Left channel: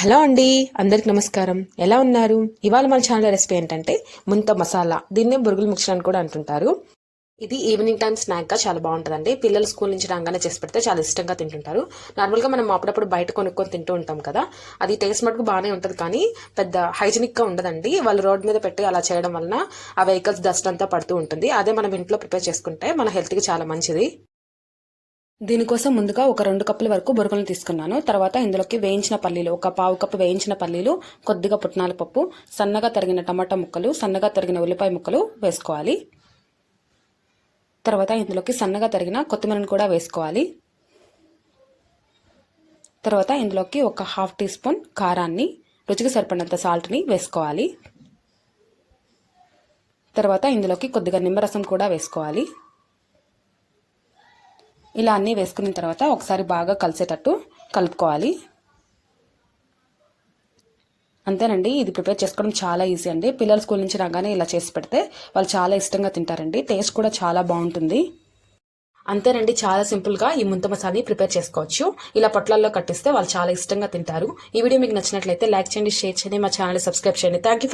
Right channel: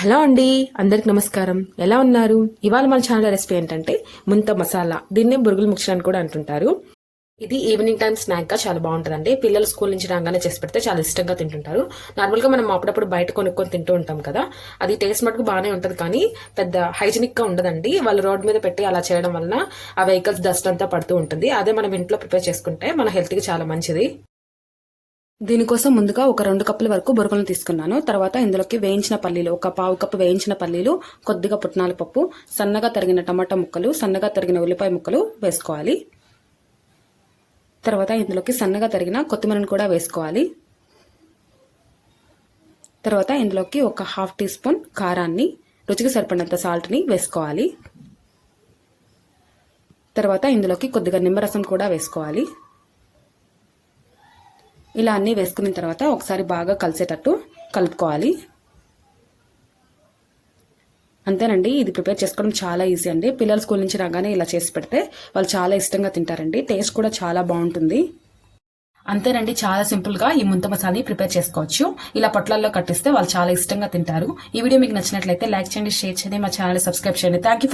Hello అండి, అందరికి నమస్కారం. ఎలా ఉన్నారు? ఇవాళ మన ఛానల్ రెసిపీ ఏంటంటే ముంత మసాలా. దీన్నే బొరుగుల మిక్చర్ అని కూడా అంటుంటారు. ఇది ఈవినింగ్ టైం స్నాక్ గా చాలా బాగుంటుందండి. పిల్లలు స్కూల్ నుంచి రాగానే చేసి పెడితే చాలా ఇష్టంగా తింటుంటారు. నార్మల్ గా మనం అప్పుడప్పుడు బయట కొనుక్కొని తింటూ ఉంటాం కదా, అది టేస్ట్ మటుకు బాగానే ఉంటుంది, కానీ పెద్ద హైజీనిక్ గా ఉండదండి. వాళ్ళు రోడ్ మీద పెట్టి అలా చేయడం వలన ఆ వెహికల్స్ డస్ట్ అంతా పడుతూ ఉంటుంది. అదే మనం ఇంట్లో ప్రిపేర్ చేసుకుంటే మన హెల్త్ కి చాలా మంచిది. దీనికోసం ముందుగా ఒక 2 కప్పుల వరకు బొరుగులను తీసుకున్నాను. తర్వాత ఇందులోకి వేయించిన పల్లీలు, ఒక పావు కప్పు వేయించిన పల్లీలు, కొద్దిగా పుట్నాల పప్పు, సన్నగా తరిగిన టమాటా ముక్కలు, సన్నగా తరిగిన ఉల్లిపాయ ముక్కలు వేసుకోవాలి. తర్వాత ఇందులోకి సన్నగా తరిగిన కొత్తిమీరను కూడా వేసుకోవాలి. తర్వాత ఇందులోకి ఒక 1/2 టీ స్పూన్ కారాన్ని, రుచికి సరిపడినంత సాల్ట్ని వేసుకోవాలి. తర్వాత ఇందులోకి కొద్దిగా నిమ్మరసం కూడా వేసుకోవాలి. ఇలా అన్నీ వేసుకున్న తర్వాత ఒకసారి బాగా కలిసేటట్టు కలుపుకోవాలి. అంతేనండి, ఇది ప్రిపేర్ చేసుకోవడం చాలా ఈజీ అండి. పిల్లలు స్కూల్ నుంచి రాగానే ఇలా చేసి పెడితే వాళ్ళు చాలా ఇష్టంగా తింటారండి. టేస్ట్ కూడా చాలా బాగుంటుంది. అంతేనండి, చాలా సింపుల్ గా ఈ ముంత మసాలాని ప్రిపేర్ చేసుకోవచ్చు. ఇలా పొట్లాల్లో కట్టిస్తే వాళ్ళు చాలా ఇష్టంగా తింటారు. ఈ వీడియో మీకు నచ్చినట్లయితే లైక్ చేయండి, షేర్ చేయండి, మా ఛానల్ సబ్స్క్రైబ్ చేయండి. Thank you.